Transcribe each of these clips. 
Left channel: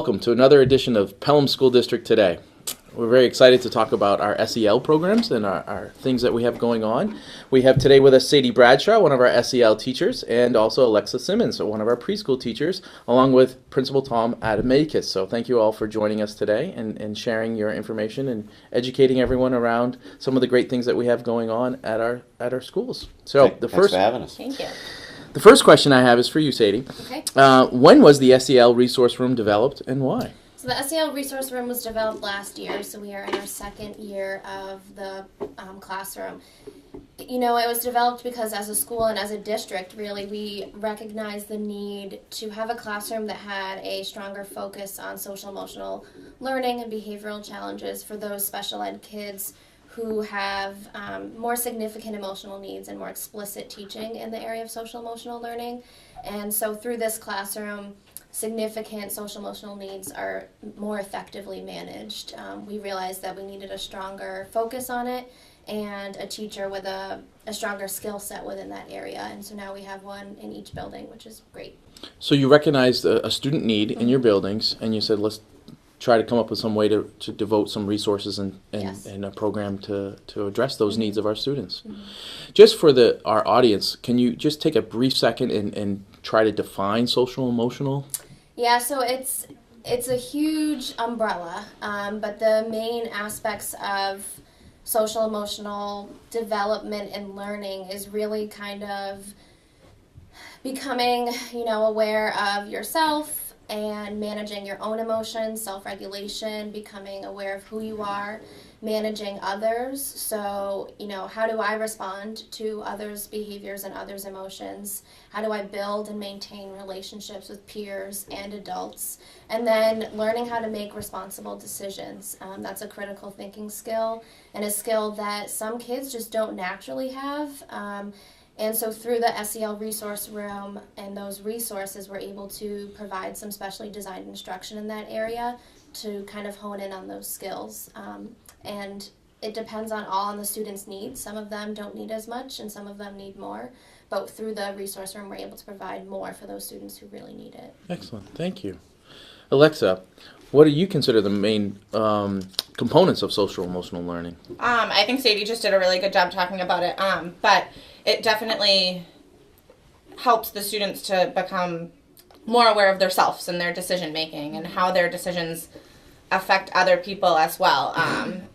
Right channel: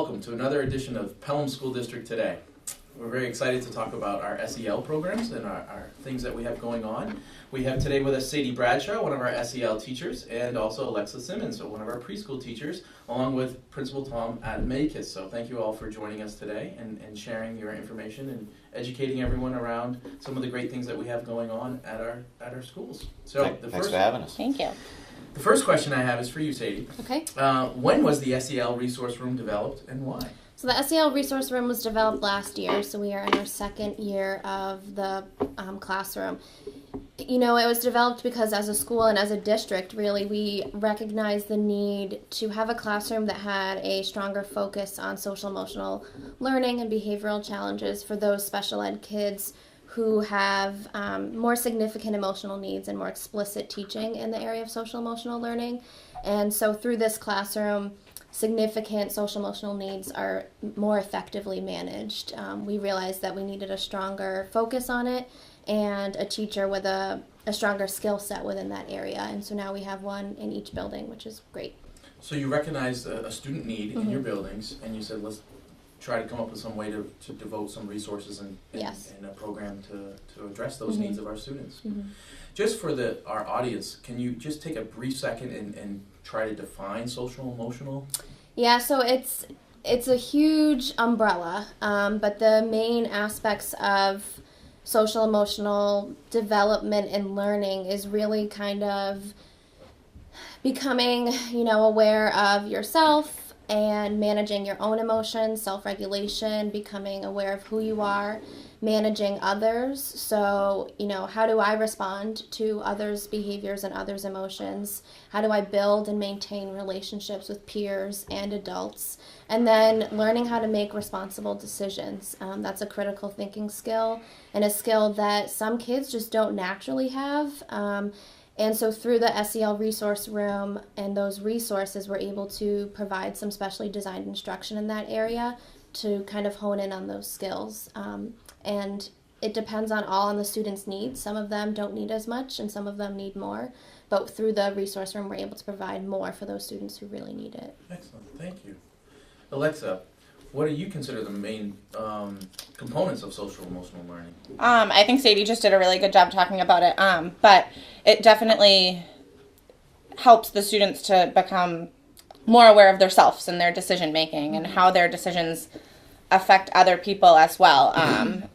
welcome to another edition of Pelham School District Today. We're very excited to talk about our SEL programs and our things that we have going on. We have today with us Sadie Bradshaw, one of our SEL teachers, and also Alexa Simmons, one of our preschool teachers, along with Principal Tom Adamakis. So thank you all for joining us today and sharing your information and educating everyone around some of the great things that we have going on at our schools. So Thanks for having us. Thank you. The first question I have is for you, Sadie. Okay. When was the SEL resource room developed and why? So the SEL resource room was developed last year, so we are in our second year of the classroom. You know, it was developed because as a school and as a district, really, we recognized the need to have a classroom that had a stronger focus on social emotional learning and behavioral challenges for those special ed kids who have more significant emotional needs and more explicit teaching in the area of social emotional learning. And so through this classroom, significant social emotional needs are more effectively managed. We realized that we needed a stronger focus on it and a teacher with a stronger skill set within that area. And so now we have one in each building, which is great. So you recognized a student need in your buildings, and you said, let's try to come up with some way to devote some resources and a program to address those needs of our students. Just for our audience, can you just take a brief second and try to define social emotional? Yeah, so it's a huge umbrella, but the main aspects of social emotional development and learning is really kind of becoming, aware of yourself and managing your own emotions, self-regulation, becoming aware of who you are, managing others. So, how do I respond to others' behaviors and others' emotions? How do I build and maintain relationships with peers and adults? And then learning how to make responsible decisions. That's a critical thinking skill and a skill that some kids just don't naturally have. And so through the SEL resource room and those resources, we're able to provide some specially designed instruction in that area to kind of hone in on those skills. And it depends on the students' needs. Some of them don't need as much and some of them need more. But through the resource room, we're able to provide more for those students who really need it. Excellent. Thank you. Alexa, what do you consider the main components of social emotional learning? I think Sadie just did a really good job talking about it, but it definitely helps the students to become more aware of themselves and their decision making and how their decisions affect other people as well.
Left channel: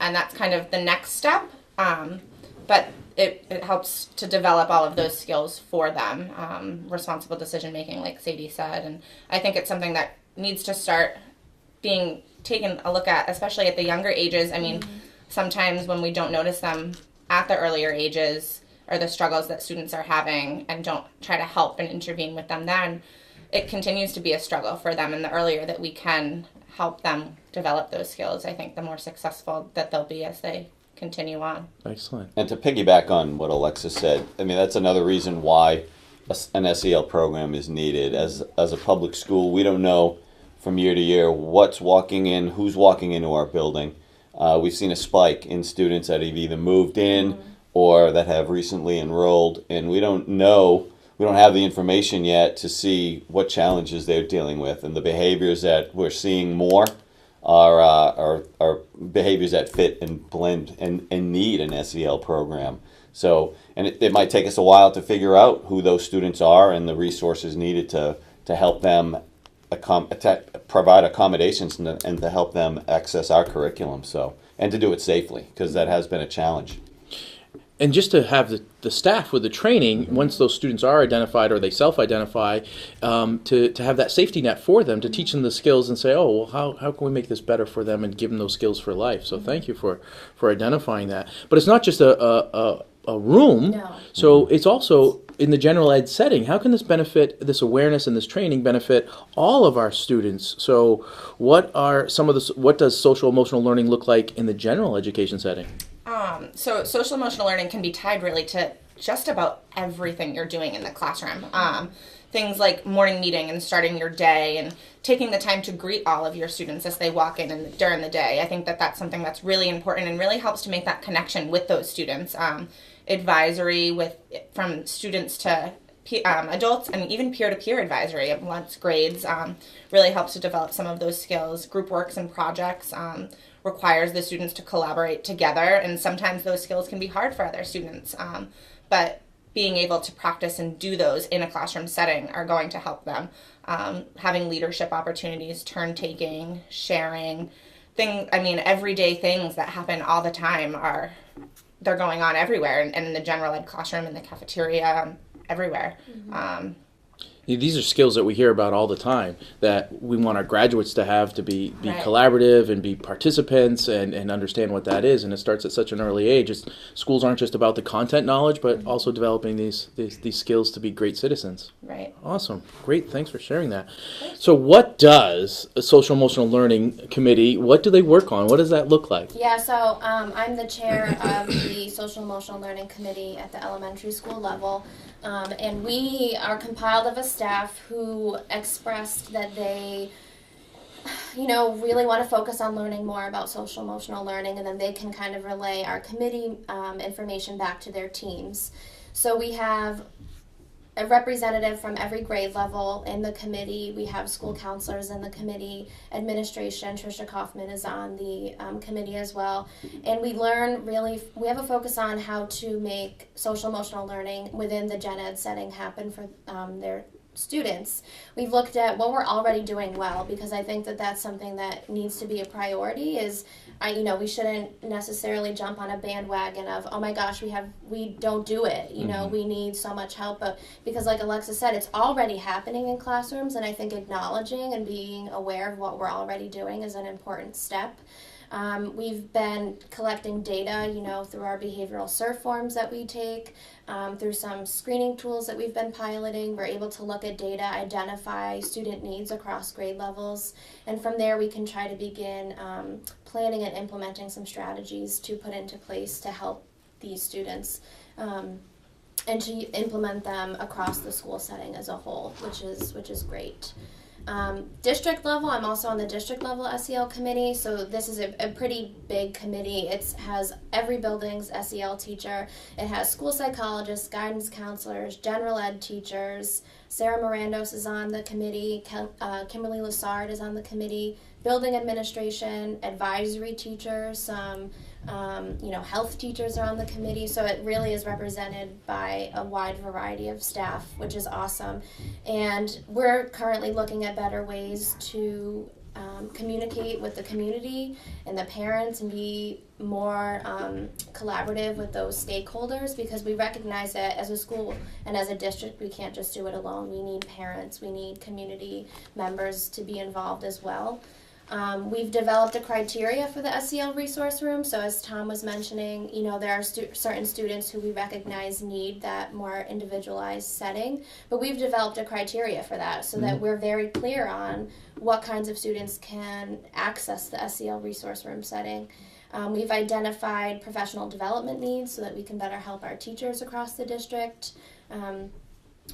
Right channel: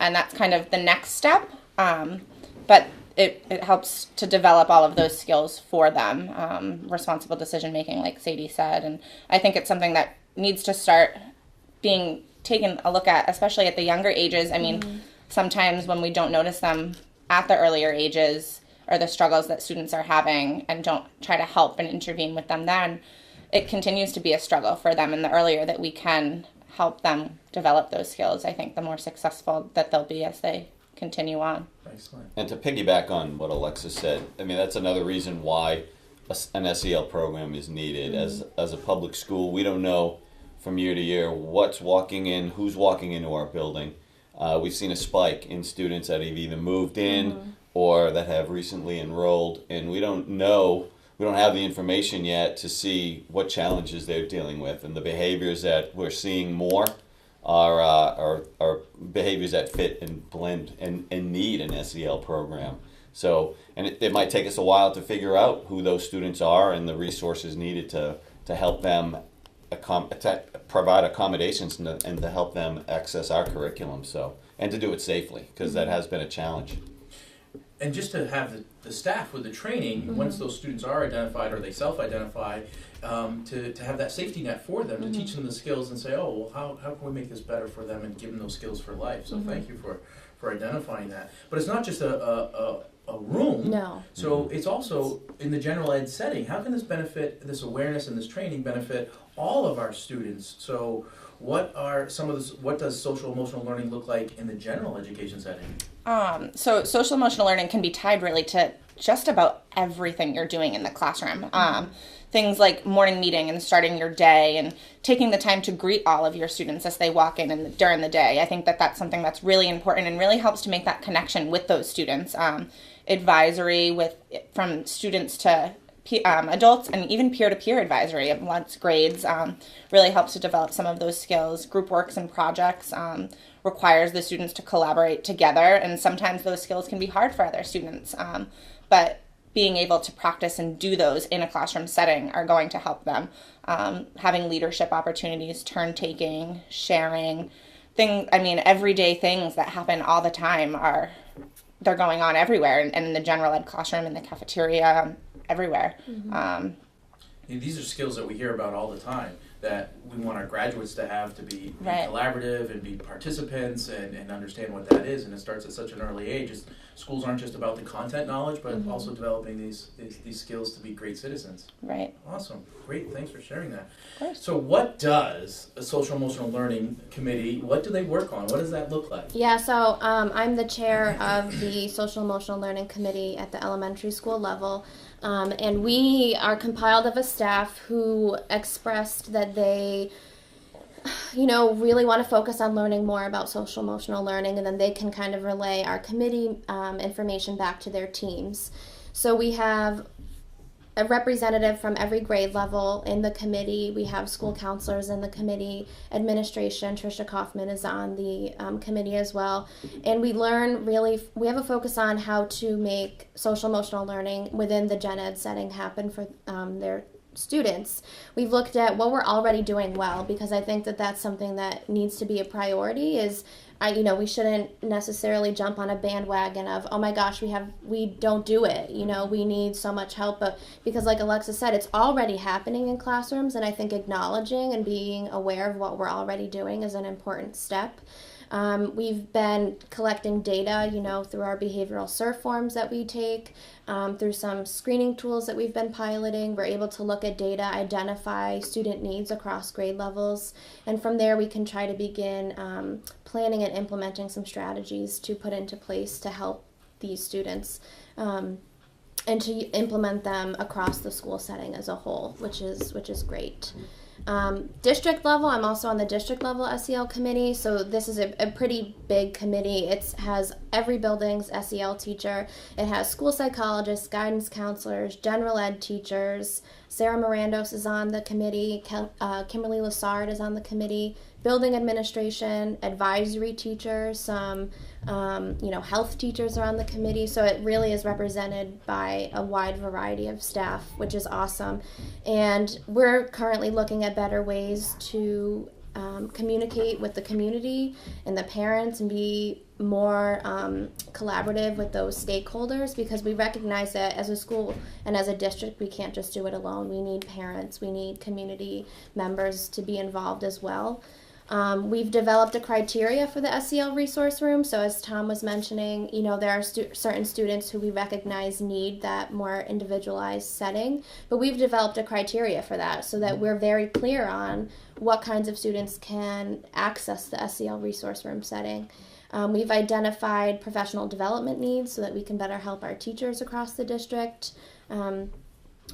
And that's kind of the next step, but it helps to develop all of those skills for them, responsible decision making, like Sadie said. And I think it's something that needs to start being taken a look at, especially at the younger ages. I mean, sometimes when we don't notice them at the earlier ages or the struggles that students are having and don't try to help and intervene with them then, it continues to be a struggle for them. And the earlier that we can help them develop those skills, I think the more successful that they'll be as they continue on. Excellent. And to piggyback on what Alexa said, I mean, that's another reason why an SEL program is needed. As a public school, we don't know from year to year who's walking into our building. We've seen a spike in students that have either moved in or that have recently enrolled, and we don't have the information yet to see what challenges they're dealing with. And the behaviors that we're seeing more are behaviors that fit and blend and need an SEL program. So, and it might take us a while to figure out who those students are and the resources needed to help them provide accommodations and to help them access our curriculum. So, and to do it safely, because that has been a challenge. And just to have the staff with the training, once those students are identified or they self-identify, to have that safety net for them, to teach them the skills and say, oh, well, how can we make this better for them and give them those skills for life? So thank you for identifying that. But it's not just a room. No. So it's also in the general ed setting. How can this awareness and this training benefit all of our students? So what does social emotional learning look like in the general education setting? So social emotional learning can be tied really to just about everything you're doing in the classroom. Things like morning meeting and starting your day and taking the time to greet all of your students as they walk in and during the day. I think that that's something that's really important and really helps to make that connection with those students. Advisory from students to adults, and even peer-to-peer advisory amongst grades really helps to develop some of those skills. Group works and projects requires the students to collaborate together, and sometimes those skills can be hard for other students. But being able to practice and do those in a classroom setting are going to help them. Having leadership opportunities, turn-taking, sharing, everyday things that happen all the time they're going on everywhere, and in the general ed classroom, in the cafeteria, everywhere. These are skills that we hear about all the time that we want our graduates to have, to be Right. collaborative and be participants and understand what that is. And it starts at such an early age. Schools aren't just about the content knowledge, but also developing these skills to be great citizens. Right. Awesome. Great. Thanks for sharing that. course. So what does a social emotional learning committee, what do they work on? What does that look like? Yeah, so I'm the chair of the Social Emotional Learning Committee at the elementary school level. And we are compiled of a staff who expressed that they, really want to focus on learning more about social emotional learning, and then they can kind of relay our committee information back to their teams. So we have a representative from every grade level in the committee. We have school counselors in the committee, administration. Tricia Kaufman is on the committee as well. And we we have a focus on how to make social emotional learning within the gen ed setting happen for their students. We've looked at what we're already doing well, because I think that that's something that needs to be a priority. We shouldn't necessarily jump on a bandwagon of, oh my gosh, we don't do it. We need so much help. But because like Alexa said, it's already happening in classrooms, and I think acknowledging and being aware of what we're already doing is an important step. We've been collecting data, through our behavioral surf forms that we take, through some screening tools that we've been piloting. We're able to look at data, identify student needs across grade levels, and from there we can try to begin planning and implementing some strategies to put into place to help these students and to implement them across the school setting as a whole, which is great. District level, I'm also on the district level SEL committee, so this is a pretty big committee. It has every building's SEL teacher. It has school psychologists, guidance counselors, general ed teachers. Sarah Mirandos is on the committee. Kimberly Lassard is on the committee. Building administration, advisory teachers, some health teachers are on the committee. So it really is represented by a wide variety of staff, which is awesome. And we're currently looking at better ways to communicate with the community and the parents and be more collaborative with those stakeholders, because we recognize that as a school and as a district, we can't just do it alone. We need parents, we need community members to be involved as well. We've developed a criteria for the SEL resource room. So as Tom was mentioning, there are certain students who we recognize need that more individualized setting, but we've developed a criteria for that so that we're very clear on what kinds of students can access the SEL resource room setting. We've identified professional development needs so that we can better help our teachers across the district.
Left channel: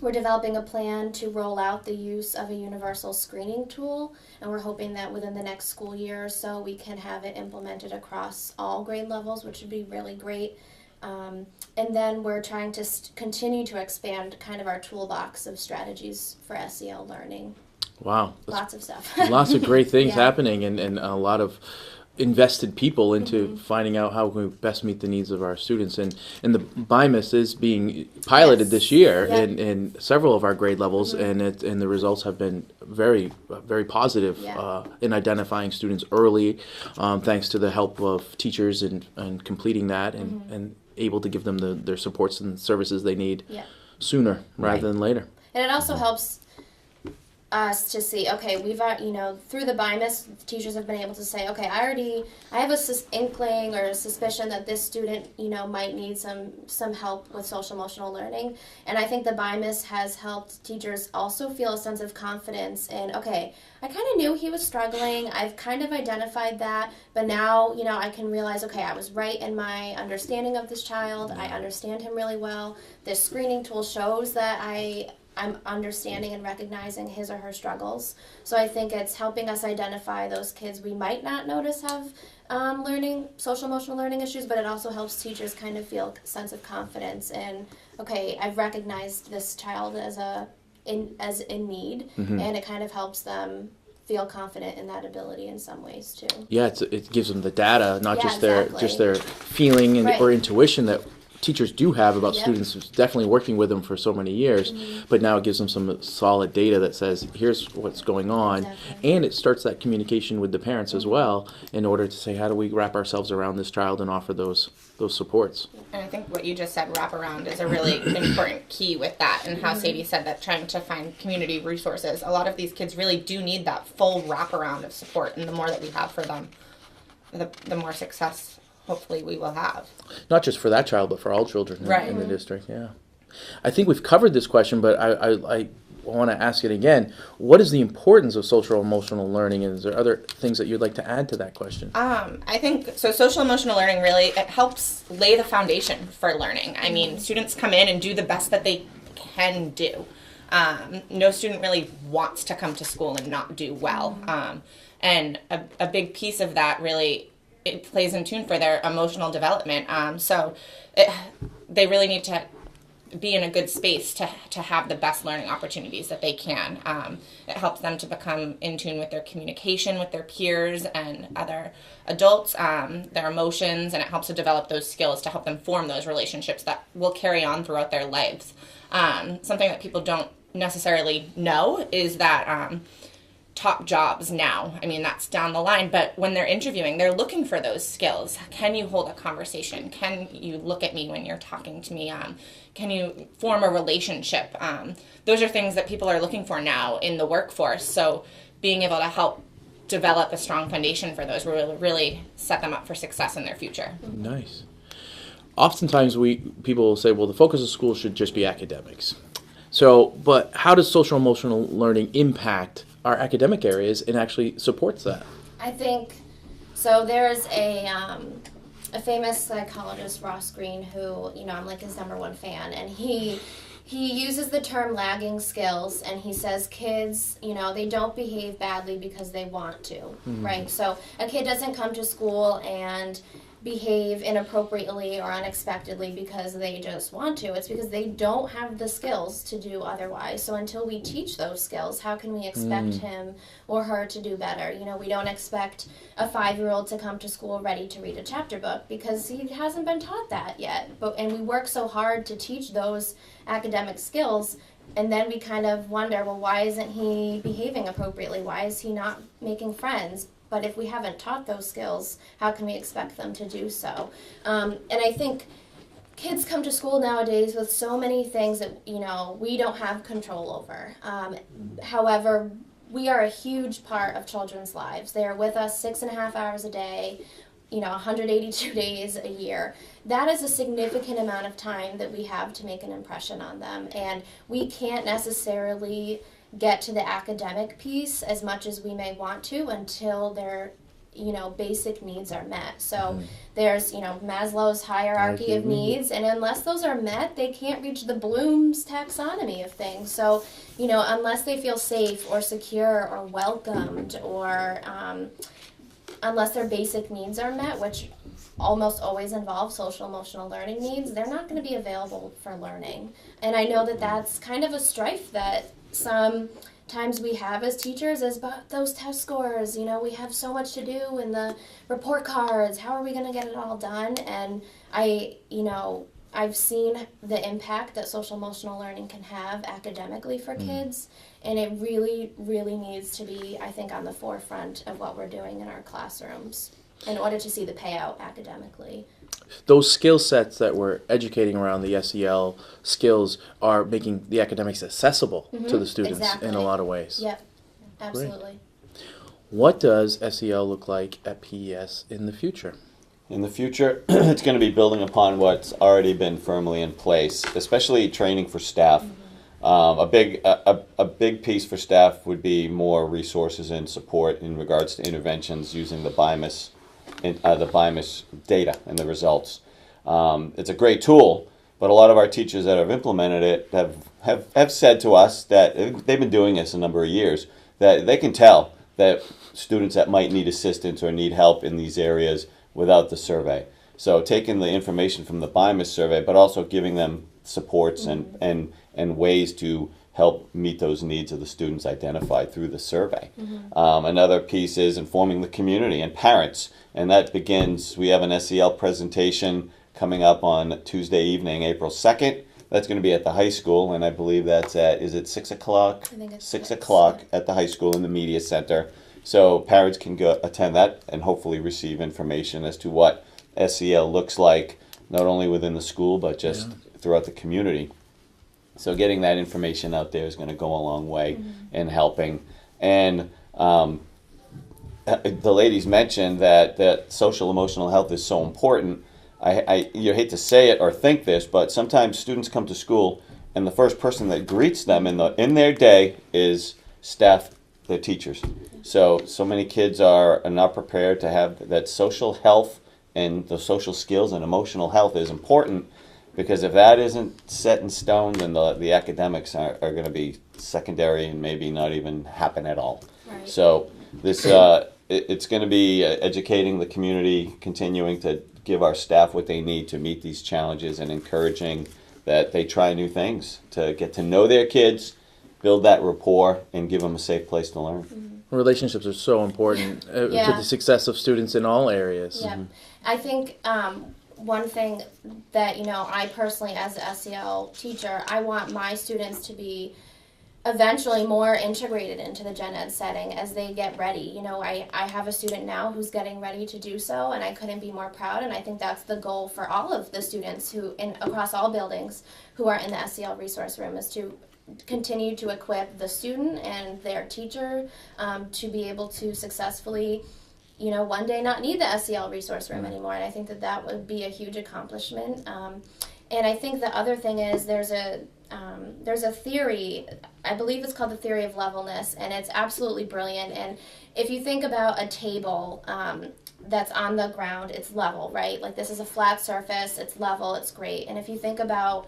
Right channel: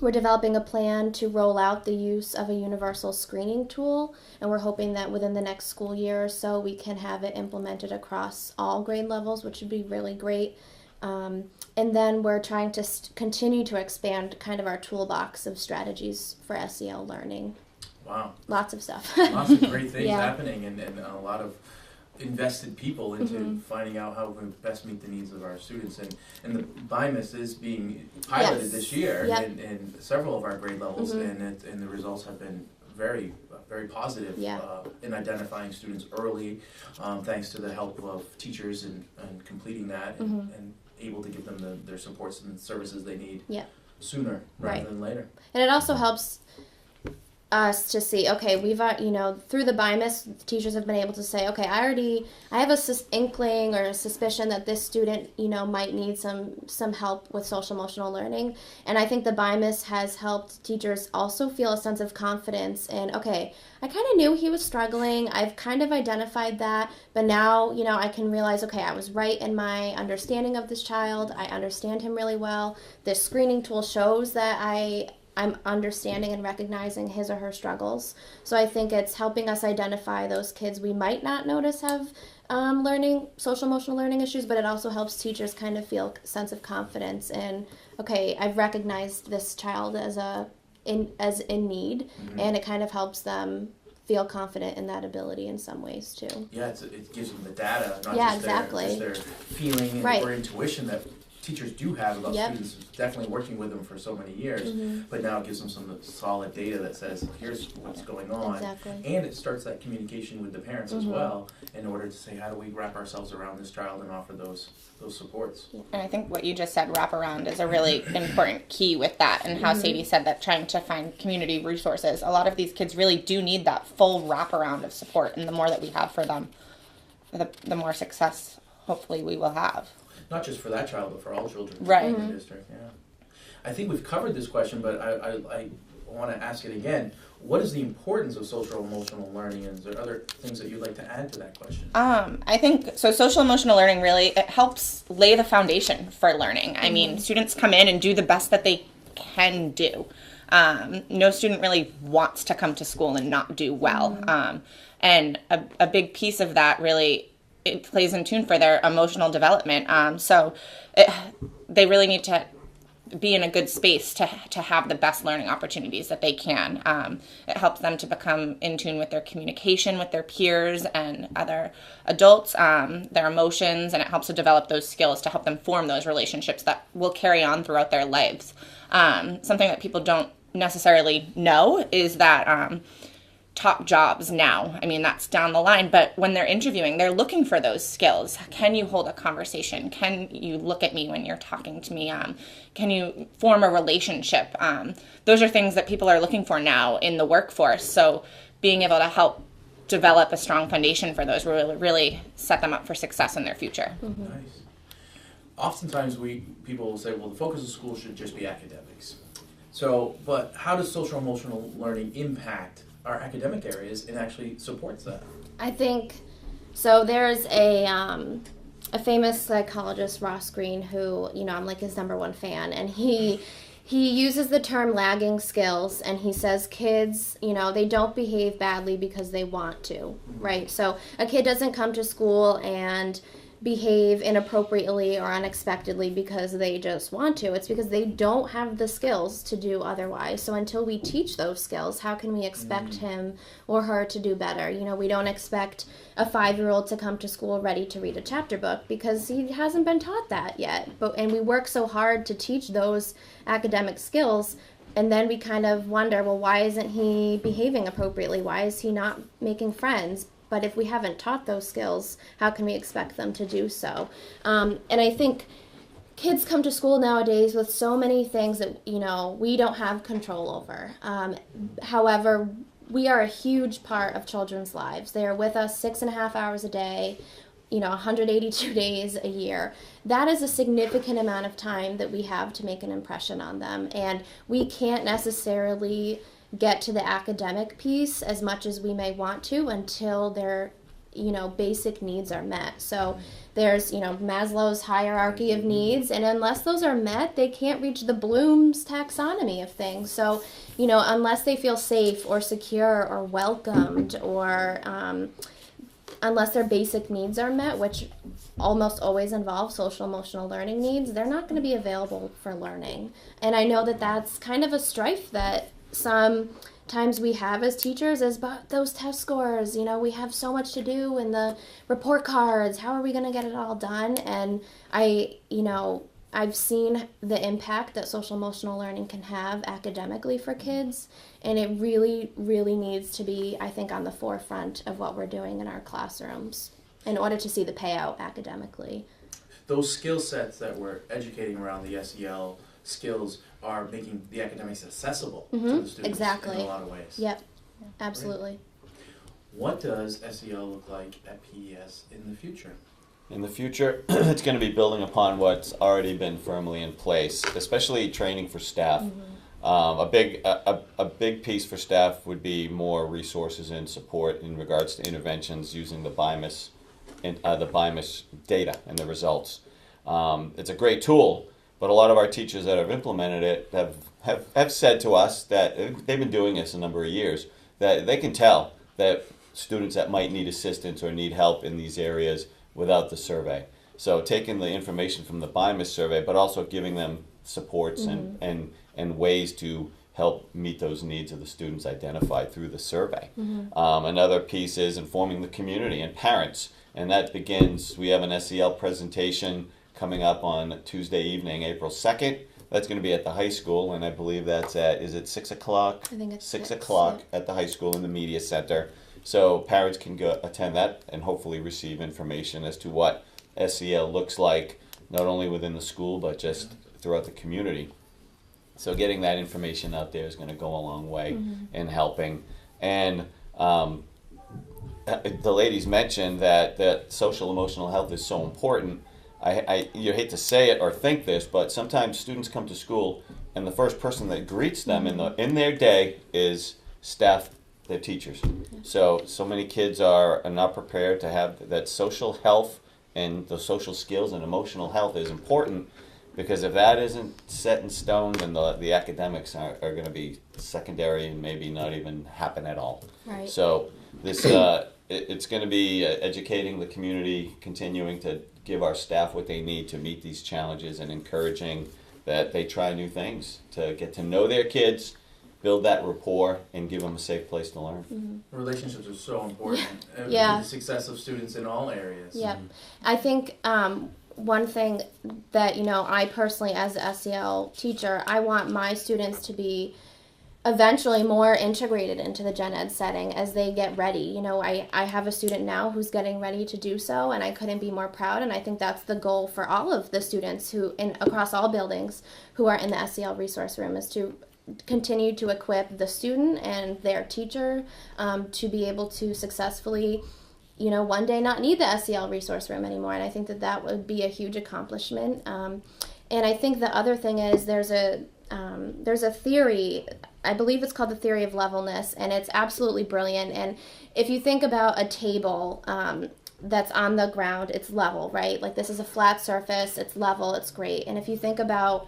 We're developing a plan to roll out the use of a universal screening tool, and we're hoping that within the next school year or so we can have it implemented across all grade levels, which would be really great. And then we're trying to continue to expand kind of our toolbox of strategies for SEL learning. Wow. Lots of stuff. Lots of great things Yeah. happening, and a lot of invested people into finding out how we best meet the needs of our students. And the BIMUS is being piloted Yes. this year Yep. in several of our grade levels, and the results have been very, very positive in identifying students early, thanks to the help of teachers and completing that and able to give them their supports and services they need sooner rather than later. And it also helps us to see, okay, we've, through the BIMUS, teachers have been able to say, okay, I have a inkling or a suspicion that this student, might need some help with social emotional learning. And I think the BIMUS has helped teachers also feel a sense of confidence in, okay, I kind of knew he was struggling. I've kind of identified that, but now, I can realize, okay, I was right in my understanding of this child. I understand him really well. This screening tool shows that I'm understanding and recognizing his or her struggles. So I think it's helping us identify those kids we might not notice have social emotional learning issues, but it also helps teachers kind of feel a sense of confidence in, okay, I've recognized this child as in need, and it kind of helps them feel confident in that ability in some ways too. Yeah, it gives them the data, not Yeah, just their feeling and, Right. or intuition that teachers do have about Yep. students who's definitely working with them for so many years, but now it gives them some solid data that says here's what's going on. Exactly. And it starts that communication with the parents as well in order to say how do we wrap ourselves around this child and offer those supports. And I think what you just said, wraparound, is a really important key with that. And how Sadie said that trying to find community resources, a lot of these kids really do need that full wraparound of support. And the more that we have for them, the more success hopefully we will have. Not just for that child, but for all children Right. in the district. Yeah, I think we've covered this question, but I want to ask it again. What is the importance of social emotional learning, and is there other things that you'd like to add to that question? I think so. Social emotional learning really, it helps lay the foundation for learning. I mean, students come in and do the best that they can do. No student really wants to come to school and not do well. And a big piece of that really, it plays in tune for their emotional development. They really need to be in a good space to have the best learning opportunities that they can. It helps them to become in tune with their communication with their peers and other adults, their emotions, and it helps to develop those skills to help them form those relationships that will carry on throughout their lives. Something that people don't necessarily know is that top jobs now, I mean, that's down the line, but when they're interviewing, they're looking for those skills. Can you hold a conversation? Can you look at me when you're talking to me? Can you form a relationship? Those are things that people are looking for now in the workforce. So being able to help develop a strong foundation for those will really set them up for success in their future. Nice. Oftentimes people will say, well, the focus of school should just be academics. So, but how does social emotional learning impact our academic areas and actually supports that? I think so. There's a famous psychologist, Ross Greene, who I'm like his number one fan, and he uses the term lagging skills, and he says kids, they don't behave badly because they want to, right? So a kid doesn't come to school and behave inappropriately or unexpectedly because they just want to. It's because they don't have the skills to do otherwise. So until we teach those skills, how can we expect him or her to do better? We don't expect a 5-year-old to come to school ready to read a chapter book because he hasn't been taught that yet. And we work so hard to teach those academic skills, and then we kind of wonder, well, why isn't he behaving appropriately? Why is he not making friends? But if we haven't taught those skills, how can we expect them to do so? And I think kids come to school nowadays with so many things that, we don't have control over. However, we are a huge part of children's lives. They are with us 6.5 hours a day, 182 days a year. That is a significant amount of time that we have to make an impression on them. And we can't necessarily get to the academic piece as much as we may want to until their basic needs are met. So there's Maslow's hierarchy of needs, and unless those are met, they can't reach the Bloom's taxonomy of things. So unless they feel safe or secure or welcomed, or unless their basic needs are met, which almost always involve social emotional learning needs, they're not going to be available for learning. And I know that that's kind of a strife that sometimes we have as teachers, is about those test scores. We have so much to do in the report cards. How are we going to get it all done? And I've seen the impact that social emotional learning can have academically for kids, and it really, really needs to be, I think, on the forefront of what we're doing in our classrooms in order to see the payout academically. Those skill sets that we're educating around the SEL skills are making the academics accessible to the students in a lot of ways. Yep, absolutely. Great. What does SEL look like at PES in the future? In the future, it's going to be building upon what's already been firmly in place, especially training for staff. A big piece for staff would be more resources and support in regards to interventions using the BIMIS data and the results. It's a great tool, but a lot of our teachers that have implemented it have said to us that they've been doing this a number of years, that they can tell that students that might need assistance or need help in these areas without the survey. So taking the information from the BIMIS survey, but also giving them supports and ways to help meet those needs of the students identified through the survey. Another piece is informing the community and parents, and that begins, we have an SEL presentation coming up on Tuesday evening, April 2nd. That's going to be at the high school, and I believe that's at, is it 6 o'clock? I think it's 6 o'clock at the high school in the media center. So parents can go attend that and hopefully receive information as to what SEL looks like, not only within the school, but just throughout the community. So getting that information out there is going to go a long way in helping. And the ladies mentioned that social emotional health is so important. You hate to say it or think this, but sometimes students come to school and the first person that greets them in their day is staff, their teachers. So many kids are not prepared to have that. Social health and the social skills and emotional health is important, because if that isn't set in stone, then the academics are going to be secondary and maybe not even happen at all. Right. So this it's going to be educating the community, continuing to give our staff what they need to meet these challenges, and encouraging that they try new things to get to know their kids, build that rapport, and give them a safe place to learn. Relationships are so important to the success of students in all areas. Yeah, I think one thing that, I personally, as a SEL teacher, I want my students to be eventually more integrated into the gen ed setting as they get ready. I have a student now who's getting ready to do so, and I couldn't be more proud, and I think that's the goal for all of the students across all buildings who are in the SEL resource room, is to continue to equip the student and their teacher to be able to successfully, one day not need the SEL resource room anymore. And I think that would be a huge accomplishment. And I think the other thing is there's a theory, I believe it's called the theory of levelness, and it's absolutely brilliant. And if you think about a table that's on the ground, it's level, right? Like, this is a flat surface, it's level, it's great. And if you think about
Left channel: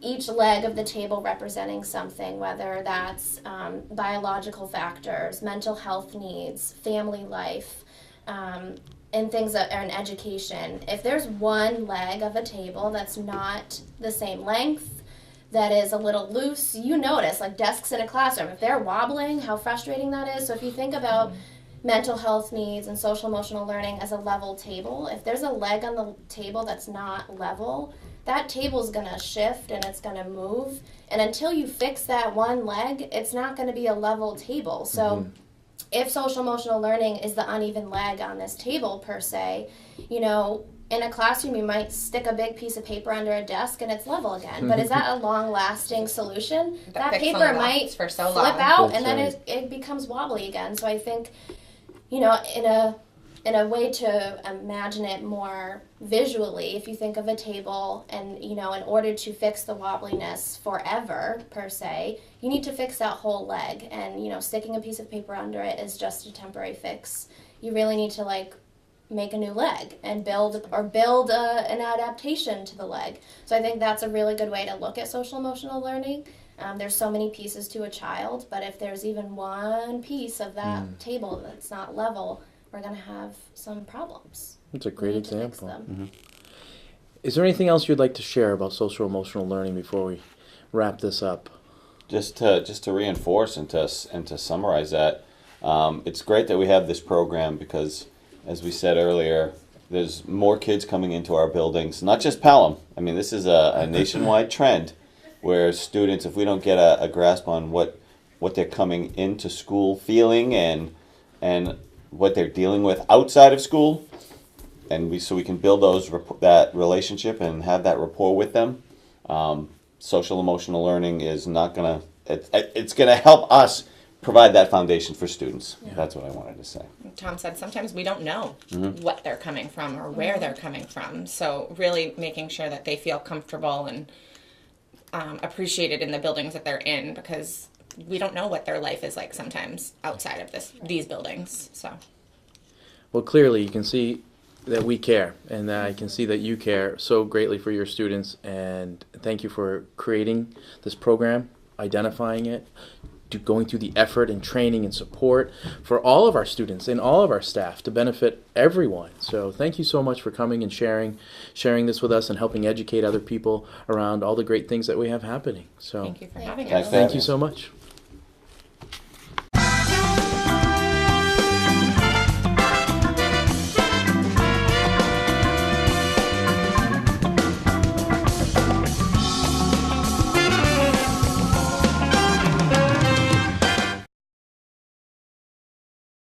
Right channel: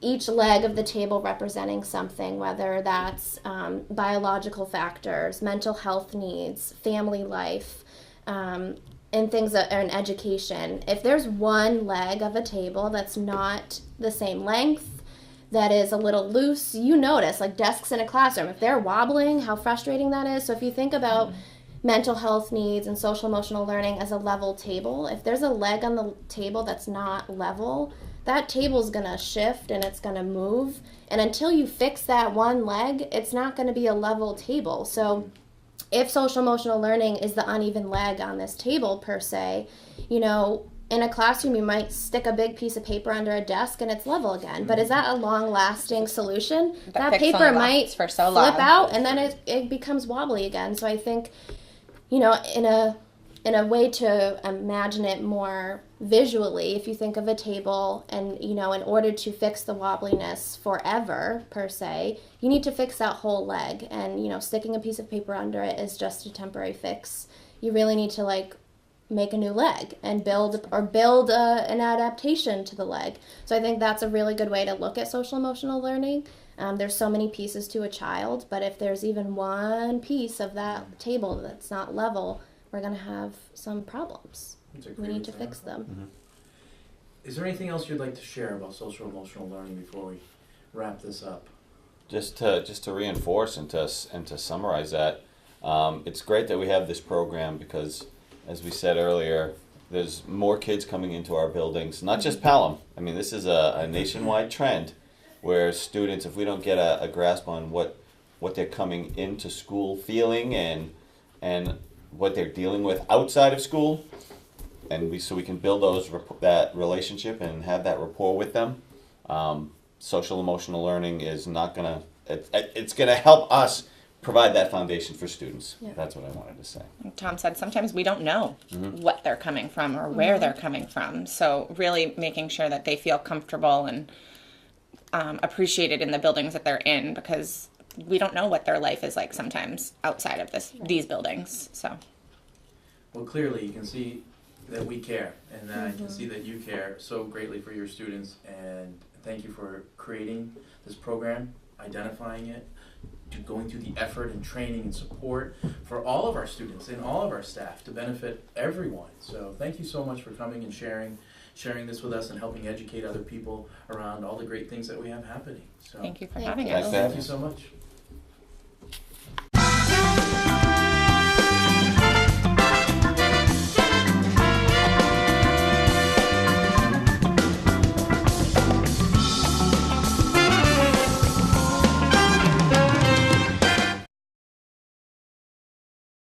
each leg of the table representing something, whether that's biological factors, mental health needs, family life, and things that are in education. If there's one leg of a table that's not the same length, that is a little loose, you notice, like desks in a classroom, if they're wobbling, how frustrating that is. So if you think about mental health needs and social emotional learning as a level table, if there's a leg on the table that's not level, that table's going to shift and it's going to move. And until you fix that one leg, it's not going to be a level table. So if social emotional learning is the uneven leg on this table, per se, in a classroom, you might stick a big piece of paper under a desk and it's level again. But is that a long-lasting solution? That paper might for so flip long. out and then it becomes wobbly again. So I think, in a way to imagine it more visually, if you think of a table and, in order to fix the wobbliness forever, per se, you need to fix that whole leg. And, sticking a piece of paper under it is just a temporary fix. You really need to, make a new leg and build an adaptation to the leg. So I think that's a really good way to look at social emotional learning. There's so many pieces to a child, but if there's even one piece of that table that's not level, we're going to have some problems. That's a great We need example. to fix them. Is there anything else you'd like to share about social emotional learning before we wrap this up? Just to reinforce and to summarize that, it's great that we have this program, because, as we said earlier, there's more kids coming into our buildings, not just Pelham. I mean, this is a nationwide trend where students, if we don't get a grasp on what they're coming into school feeling and what they're dealing with outside of school, and so we can build that relationship and have that rapport with them. Social emotional learning is not gonna. It's gonna help us provide that foundation for students. Yeah. That's what I wanted to say. Tom said sometimes we don't know what they're coming from or where they're coming from. So really making sure that they feel comfortable and appreciated in the buildings that they're in, because we don't know what their life is like sometimes outside of these buildings. So, well, clearly you can see that we care, and that I can see that you care so greatly for your students. And thank you for creating this program, identifying it, going through the effort and training and support for all of our students and all of our staff to benefit everyone. So thank you so much for coming and sharing this with us and helping educate other people around all the great things that we have happening. So Thank you for Thank having you. us. Thank thank you so much.